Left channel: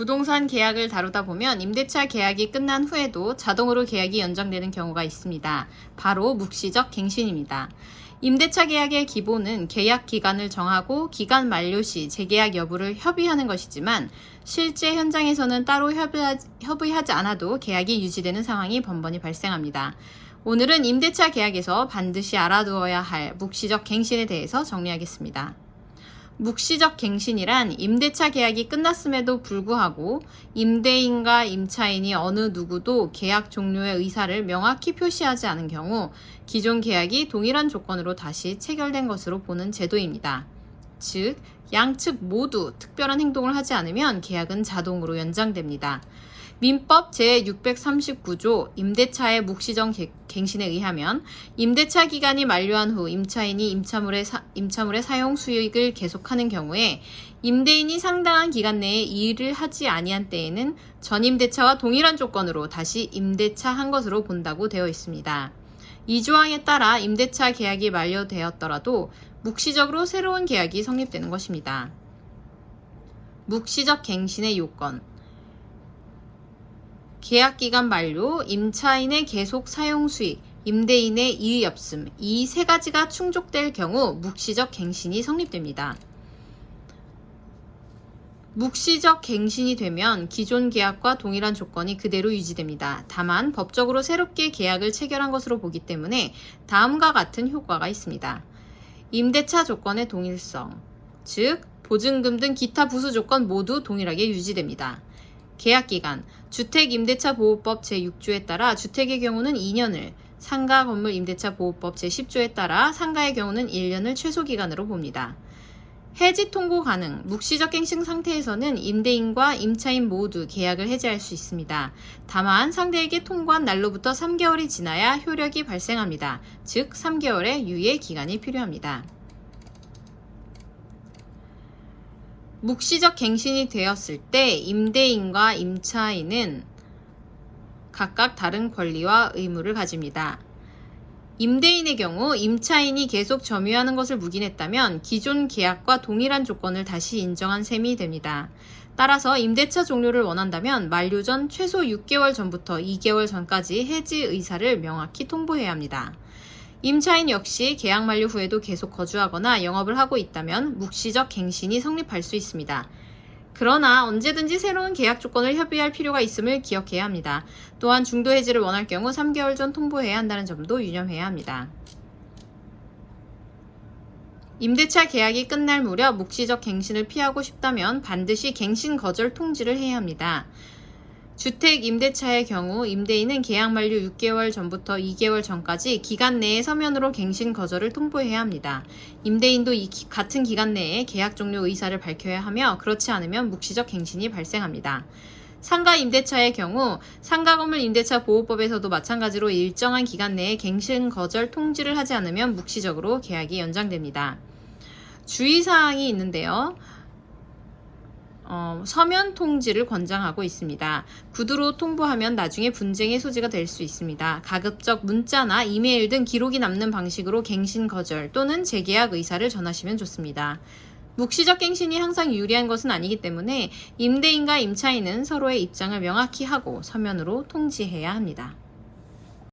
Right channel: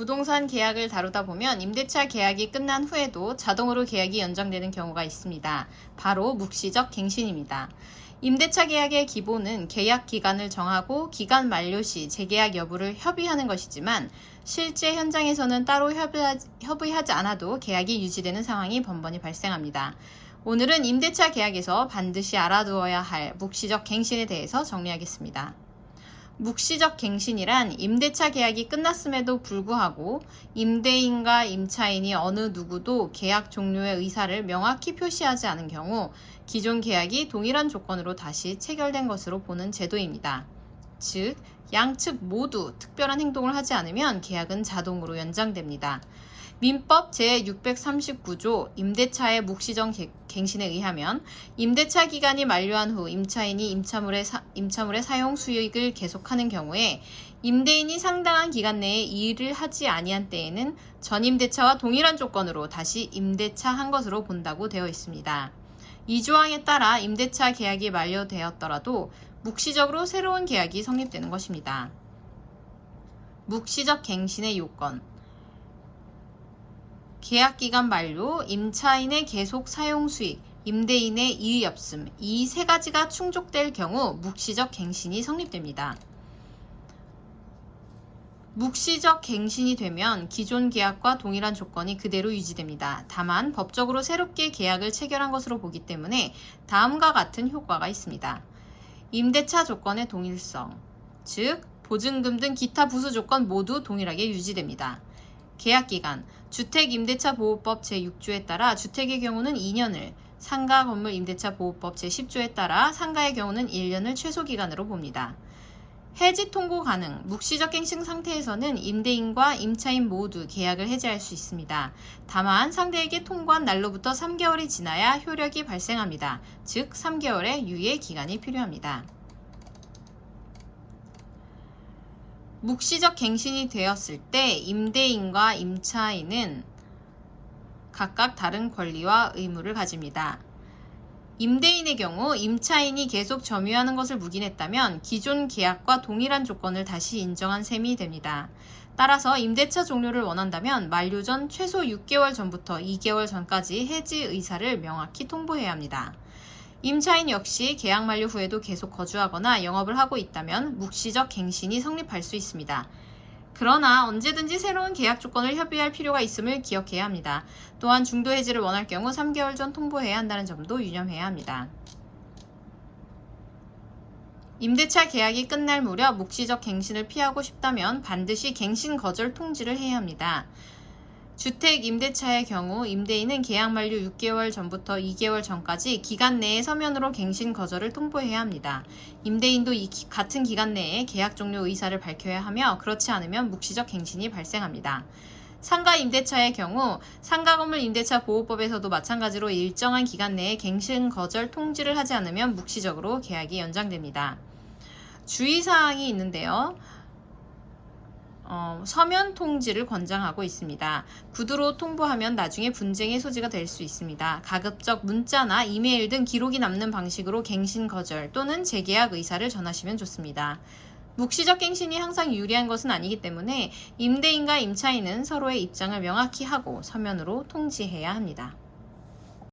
부동산 계약을 다루다 보면 임대차 계약이 끝난 후에도 자동으로 계약이 연장되는 경우가 있습니다. 바로 묵시적 갱신입니다. 임대차 계약의 기본은 계약 기간을 정하고 기간 만료 시 재계약 여부를 협의하는 것이지만 실제 현장에서는 따로 협의하지 않아도 계약이 유지되는 상황이 번번이 발생합니다. 오늘은 임대차 계약에서 반드시 알아두어야 할 묵시적 갱신에 대해서 정리하겠습니다. 묵시적 갱신이란 임대차 계약이 끝났음에도 불구하고 임대인과 임차인이 어느 누구도 계약 종료의 의사를 명확히 표시하지 않은 경우 기존 계약이 동일한 조건으로 다시 체결된 것으로 보는 제도입니다. 즉, 양측 모두 특별한 행동을 하지 않으면 계약은 자동으로 연장됩니다. 민법 제639조 임대차의 묵시적 갱신에 의하면 임대차 기간이 만료한 후 임차인이 임차물의 사용 수익을 계속하는 경우에 임대인이 상당한 기간 내에 이의를 하지 아니한 때에는 전임대차와 동일한 조건으로 다시 임대차한 것으로 본다고 되어 있습니다. 이 조항에 따라 임대차 계약이 만료되었더라도 묵시적으로 새로운 계약이 성립되는 것입니다. 묵시적 갱신의 요건 계약기간 만료, 임차인의 계속 사용 수익, 임대인의 이의 없음, 이 세 가지가 충족될 경우 묵시적 갱신이 성립됩니다. 묵시적 갱신이 되면 기존 계약과 동일한 조건이 그대로 유지됩니다. 다만 법적으로 새롭게 계약을 체결한 것으로 보기 때문에 다음과 같은 효과가 있습니다. 임대차 조건의 동일성, 즉 보증금 등 기타 부수 조건 모두 동일하게 유지됩니다. 계약기간, 주택임대차보호법 제6조에 따라 주택의 경우는 2년을, 상가건물 임대차보호법 제10조에 따라 상가의 경우는 1년을 최소기간으로 봅니다. 해지 통고 가능, 묵시적 갱신 상태에서는 임대인과 임차인 모두 계약을 해지할 수 있습니다. 다만 상대에게 통고한 날로부터 3개월이 지나야 효력이 발생합니다. 즉 3개월의 유예 기간이 필요합니다. 묵시적 갱신이 되었을 때 임대인과 임차인은 각각 다른 권리와 의무를 가집니다. 임대인의 경우 임차인이 계속 점유하는 것을 묵인했다면 기존 계약과 동일한 조건을 다시 인정한 셈이 됩니다. 따라서 임대차 종료를 원한다면 만료 전 최소 6개월 전부터 2개월 전까지 해지 의사를 명확히 통보해야 합니다. 임차인 역시 계약 만료 후에도 계속 거주하거나 영업을 하고 있다면 묵시적 갱신이 성립할 수 있습니다. 그러나 언제든지 새로운 계약 조건을 협의할 필요가 있음을 기억해야 합니다. 또한 중도 해지를 원할 경우 3개월 전 통보해야 한다는 점도 유념해야 합니다. 임대차 계약이 끝날 무렵 묵시적 갱신을 피하고 싶다면 반드시 갱신 거절 통지를 해야 합니다. 주택 임대차의 경우 임대인은 계약 만료 6개월 전부터 2개월 전까지 기간 내에 서면으로 갱신 거절을 통보해야 합니다. 임대인도 같은 기간 내에 계약 종료 의사를 밝혀야 하며 그렇지 않으면 묵시적 갱신이 발생합니다. 상가 임대차의 경우 상가건물 임대차 보호법에서도 마찬가지로 일정한 기간 내에 갱신 거절 통지를 하지 않으면 묵시적으로 계약이 연장됩니다. 주의사항이 있는데요. 서면 통지를 권장하고 있습니다. 구두로 통보하면 나중에 분쟁의 소지가 될 수 있습니다. 가급적 문자나 이메일 등 기록이 남는 방식으로 갱신 거절 또는 재계약 의사를 전하시면 좋습니다. 묵시적 갱신이 항상 유리한 것은 아니기 때문에 임대인과 임차인은 서로의 입장을 명확히 하고 서면으로 통지해야 합니다.